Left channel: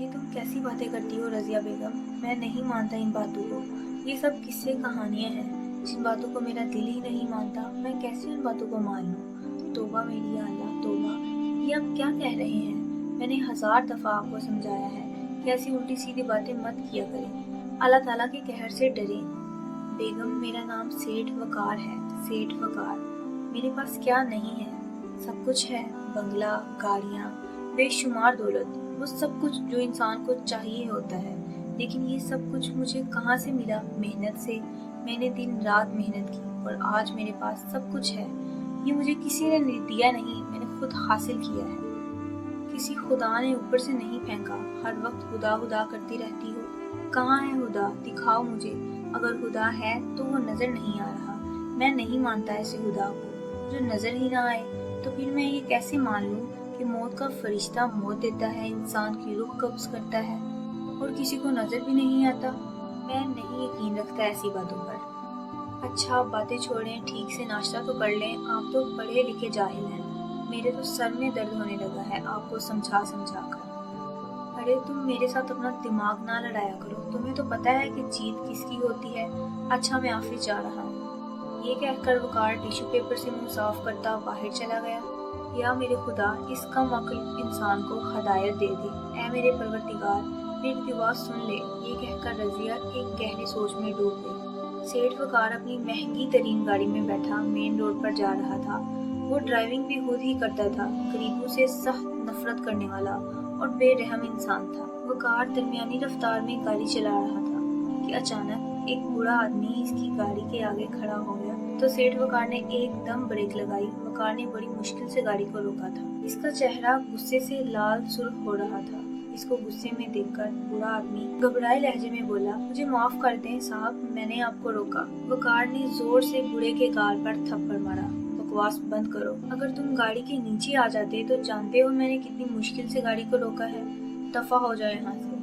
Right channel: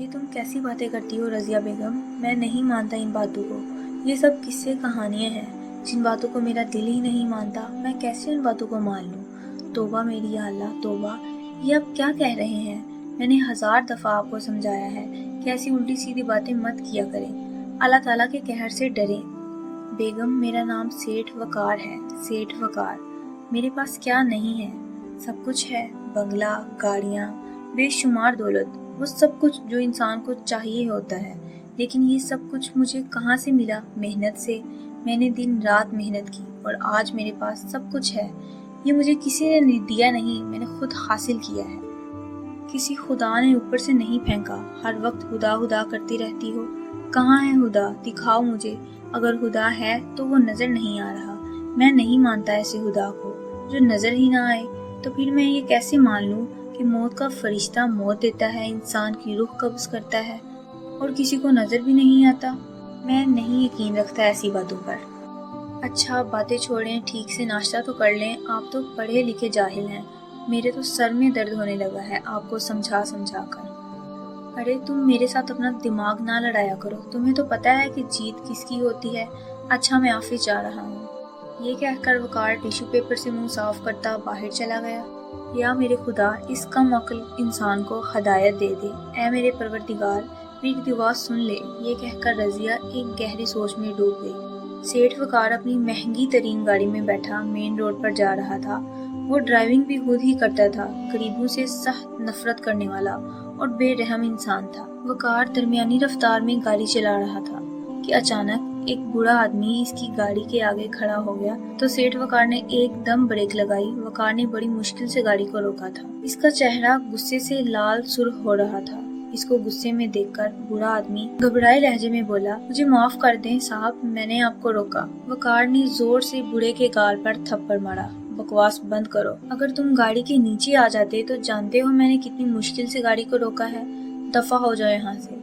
یہ تم کیسی باتیں کرتی ہو رضیہ بیگم؟ میں نہیں مانتا ان باتوں کو۔ یہ سب قصے کہانیاں ہیں جن باتوں کو میرا دل ہی نہیں مانتا۔ میں کیسے ان باتوں کو مان لوں؟ توبہ میری یا اللہ توبہ! یہ اب کیا کہہ رہے ہیں؟ میں نے 1000 دفعہ آپ کو سمجھایا ہے کہ ایسی الٹی سیدھی باتیں مت کیا کریں، اللہ تعالیٰ کے قہر سے ڈریں۔ بیگم میرا نام سیٹھ وقار ہے، سیٹھ وقار۔ میرے پاس کیا نہیں ہے؟ سب کچھ ہے، بنگلہ، گاڑیاں، بے شمار دولت، وہ سب کچھ جو انسان کو چاہیے ہوتا ہے۔ لیکن یہ سب کچھ مجھے کہاں سے ملا؟ محنت سے۔ میں نے دن رات محنت کی اور آج میرے پاس سب کچھ ہے۔ یہ مجھے کسی نے دیا نہیں، میں نے خود حاصل کیا ہے۔ کسی خدا نے اوپر سے نہیں پھینکا۔ ہر وقت خدا خدا کرتی رہتی ہو۔ کہاں ہے خدا؟ دکھاؤ مجھے۔ اگر خدا ہے تو وہ نظر نہیں آ رہا۔ میں نہیں مانتا ایسے خدا کو جو نظر ہی نہ آئے۔ تو پھر میں یہ کیسے مان لوں کہ موت کا فرشتہ موت دیتا ہے، انسان کی روح قبض کرتا ہے اور کسی کو نظر بھی نہیں آتا؟ میں نہیں یقین رکھتا ایسی باتوں پر۔ اچھا باتیں چھوڑیں، ٹھیک سے ناشتہ تو کر لیں۔ آپ تو پڑھے لکھے جاہل ہیں۔ میرے تو سر میں درد ہونے لگا ہے آپ کو سمجھا سمجھا کر۔ ارے تم میرے ساتھ اپنا دماغ نہ لڑایا کرو، تمہیں تو پتہ ہے کہ جیت کس کی ہوتی ہے۔ اچھا میں آفس جا رہا ہوں۔ یہ کہہ کر وقار ٹیشو پیپر سے منہ صاف کرتا باہر چلا گیا۔ یا میرے خدا اس کم عقل انسان کو ہدایت دے دے۔ اے میرے پروردگار میری دعا سن لے۔ یہ کہہ کر رضیہ ایک گہری سوچ میں ڈوب گئی۔ سیٹھ وقار اپنی مہنگی ترین گاڑی میں بیٹھا مین روڈ پر جا رہا تھا۔ وہ ڈرائیونگ بھی خود ہی کرتا تھا، غریبوں سے سخت نفرت کرنے والا اور بے رحم انسان تھا۔ وقار درمیانی رفتار میں گاڑی چلا رہا تھا کہ اچانک ایک بوڑھا آدمی اس کی گاڑی کے آگے کھڑا ہو گیا تو سیٹھ وقار نے ایک دم بریک لگائی۔ وقار نے بڑی مشکل سے گاڑی کو روکا تھا۔ اس کا چہرہ غصے سے لال سرخ ہو رہا تھا۔ اس کو غصے میں دیکھ کر بوڑھا آدمی گھبرائے لہجے میں بولا، مجھے معاف کر دیں صاحب، میں نے آپ کو روکا۔ وقار نے زور سے بوڑھے کے گال پر تھپڑ مارا۔ بکواس بند کرو، اگر تم گاڑی کے نیچے آ جاتے تو جانتے ہو میں نے کتنی مشکل سے گاڑی کو روکا ہے۔ دفع ہو جاؤ یہاں سے۔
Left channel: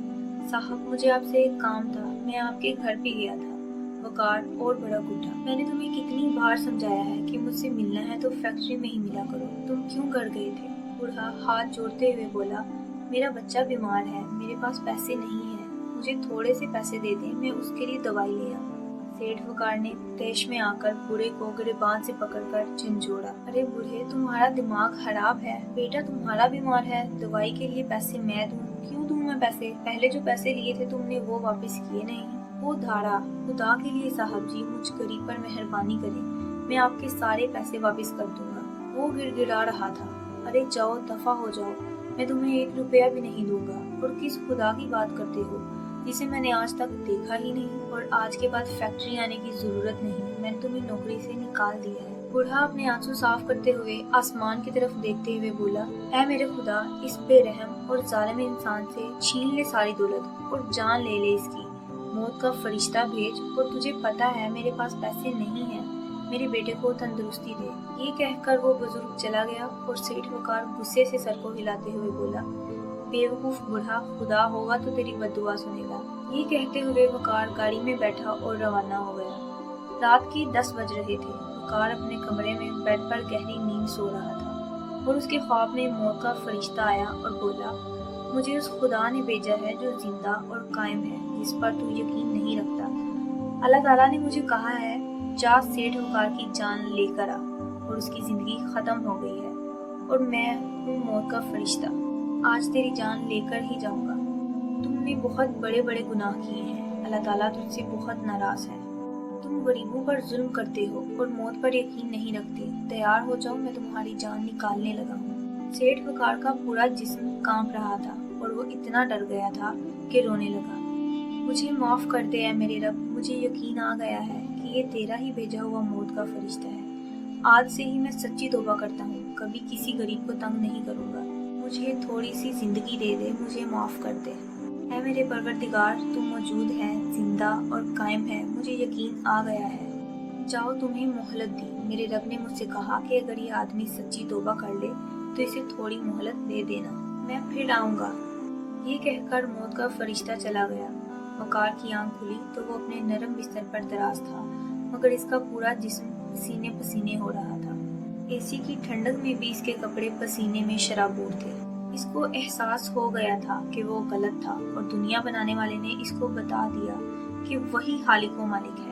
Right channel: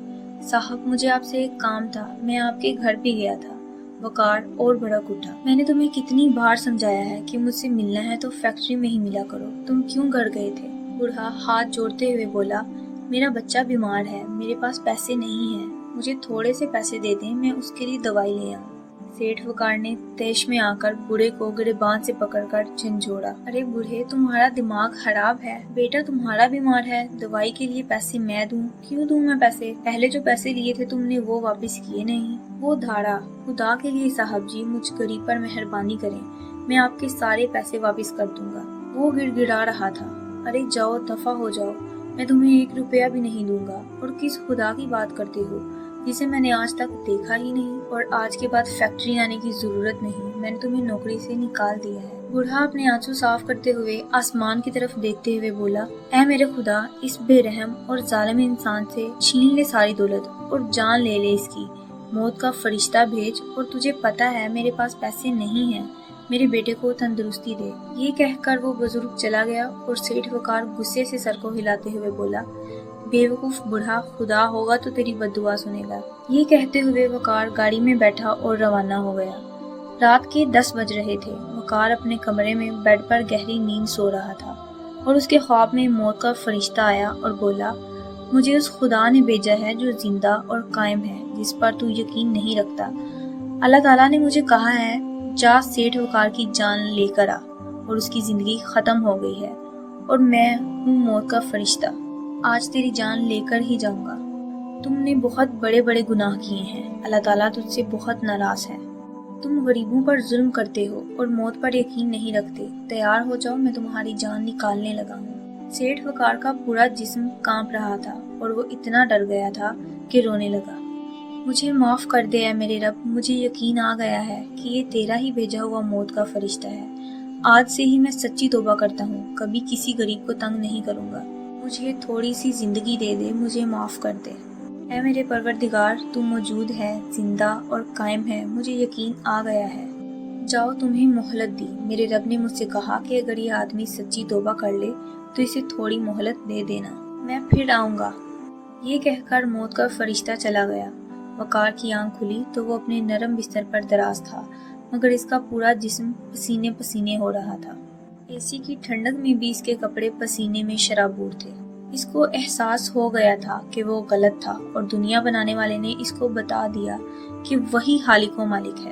صاحب مجھے آپ سے ایک کام تھا، میں آپ کے گھر بھی گیا تھا۔ وقار اور بھڑک اٹھا، میں نے تمہیں کتنی بار سمجھایا ہے کہ مجھ سے ملنا ہے تو فیکٹری میں ہی ملا کرو، تم کیوں گھر گئے تھے؟ بوڑھا ہاتھ جوڑتے ہوئے بولا، میرا بچہ بیمار ہے، میرے پاس پیسے نہیں ہیں، مجھے تھوڑے سے پیسے دے دیں، میں اس کے لیے دوائی لے آؤں۔ سیٹھ وقار نے طیش میں آ کر بوڑھے کو گریبان سے پکڑ کر جھنجھوڑا۔ ارے بوڑھے تمہارا دماغ خراب ہے، بیٹا تمہارا بیمار ہے، دوائی کے لیے پیسے میں دوں؟ کیوں دوں میں پیسے؟ پہلے جو پیسے لیے تھے تم نے وہ واپس کیے نہیں۔ وہ دھاڑا، خدا کے لیے صاحب جی مجھ غریب پر مہربانی کریں، میں آپ کے سارے پیسے واپس کر دوں گا۔ وہ گڑ گڑا رہا تھا، ارے جاؤ دفع ہو جاؤ، میں تمہیں 1 روپیہ بھی نہیں دوں گا۔ اور کس خدا کی بات کرتے ہو جسے میں نے آج تک دیکھا ہی نہیں، اور آج کے بعد فیکٹری آنے کی ضرورت نہیں، میں نے تمہیں نوکری سے نکال دیا ہے۔ بوڑھا اپنے آنسو صاف کرتے ہوئے آسمان کی طرف دیکھتے ہوئے بولا، اے میرے خدا اس بے رحم اور ظالم انسان سے چھین لے ساری دولت اور جان لے لے اس کی، موت کا فرشتہ بھیج، اور تجھے پتہ ہے میرے پاس پیسے نہیں ہیں، میرے بیٹے کو تندرستی دے۔ یہ کہہ کر وہ بزرگ چلا گیا اور سیٹھ وقار غصے سے سر کو ہلاتے ہوئے بولا، بے وقوف بوڑھا، خدا ہوگا تو تیری بد دعا سنے گا۔ یہ کہتے ہوئے وقار گاڑی میں بیٹھا اور روانہ ہو گیا۔ رات کے 10 بج رہے تھے۔ وقار اپنے کمرے میں بیڈ پر گہری نیند سو رہا تھا اور اس کے خواب میں موت کا فرشتہ آیا اور بولا، مجھے اس خدا نے بھیجا ہے جو زندہ اور قائم ہے، جس پر تو یقین نہیں رکھتا۔ اللہ تعالیٰ نے مجھے کہا ہے، جا سیٹھ وقار کی جان لے کر آ، اور اس کی زندگی ختم ہو گئی ہے، اور میں ہوں موت کا فرشتہ، آج تیری جان لے کر ہی جاؤں گا۔ تم نے بہت بڑے بڑے گناہ کیے ہیں، اللہ تعالیٰ تجھ سے بہت ناراض ہے۔ تم غریبوں پر ظلم کرتے ہو اور موت پر یقین نہیں رکھتے۔ تیار ہو جاؤ، میں تمہاری جان نکالنے لگا ہوں۔ سیٹھ وقار کا پورا جسم کانپ رہا تھا اور وہ اتنا ڈر گیا تھا کہ رونے لگا۔ مجھے معاف کر دے اے میرے رب، مجھے یقین آ گیا ہے کہ یہ تیرا ہی بھیجا ہوا موت کا فرشتہ ہے۔ آج سے ہی میں سچی توبہ کرتا ہوں، کبھی کسی غریب کو تنگ نہیں کروں گا۔ مجھے تھوڑی سی زندگی دے دے، مجھے معاف کر دے۔ اے میرے پروردگار تو موجود ہے، زندہ اور قائم ہے، مجھے یقین آ گیا ہے۔ جاؤ تمہیں مہلت دی، میرے رب نے مجھ سے کہا کہ اگر یہ آدمی سچی توبہ کر لے تو اسے تھوڑی مہلت دے دینا، میں پھر آؤں گا۔ یہ کہہ کر موت کا فرشتہ چلا گیا۔ وقار کی آنکھ کھلی تو وہ اپنے نرم بستر پر دراز تھا، مگر اس کا پورا جسم پسینے پسینے ہو رہا تھا۔ اے سی کی ٹھنڈک میں بھی اس کے کپڑے پسینے میں شرابور تھے۔ اس کو احساس ہو گیا تھا کہ وہ غلط تھا اور دنیا بنانے والے نے اس کو بتا دیا کہ وہی خالق و مالک ہے،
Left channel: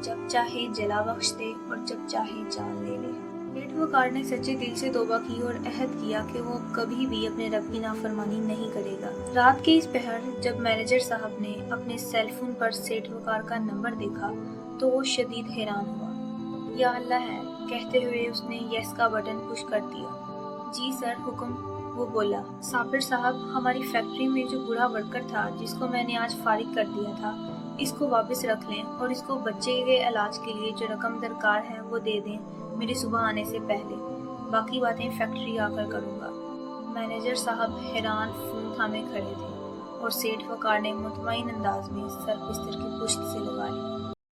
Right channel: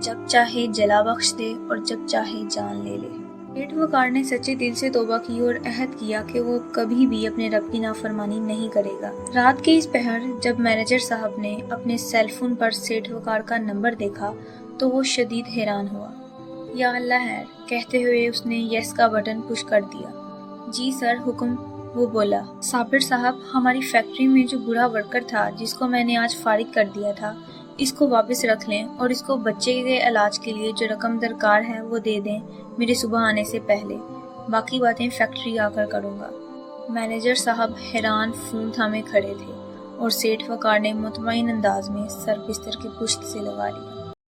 جب چاہے جلا بخش دے اور جب چاہے جان لے لے۔ سیٹھ وقار نے سچے دل سے توبہ کی اور عہد کیا کہ وہ کبھی بھی اپنے رب کی نافرمانی نہیں کرے گا۔ رات کے اس پہر جب مینیجر صاحب نے اپنے سیل فون پر سیٹھ وقار کا نمبر دیکھا تو وہ شدید حیران ہوا۔ یا اللہ خیر، کہتے ہوئے اس نے یس کا بٹن پش کر دیا۔ جی سر، حکم، وہ بولا۔ صابر صاحب، ہماری فیکٹری میں جو بوڑھا ورکر تھا جس کو میں نے آج فارغ کر دیا تھا، اس کو واپس رکھ لیں اور اس کو بچے کے علاج کے لیے جو رقم درکار ہے وہ دے دیں میرے صبح آنے سے پہلے، باقی باتیں فیکٹری آ کر کروں گا۔ مینیجر صاحب حیران فون تھامے کھڑے تھے اور سیٹھ وقار نے مطمئن انداز میں سر بستر کی پشت سے لگا لیا۔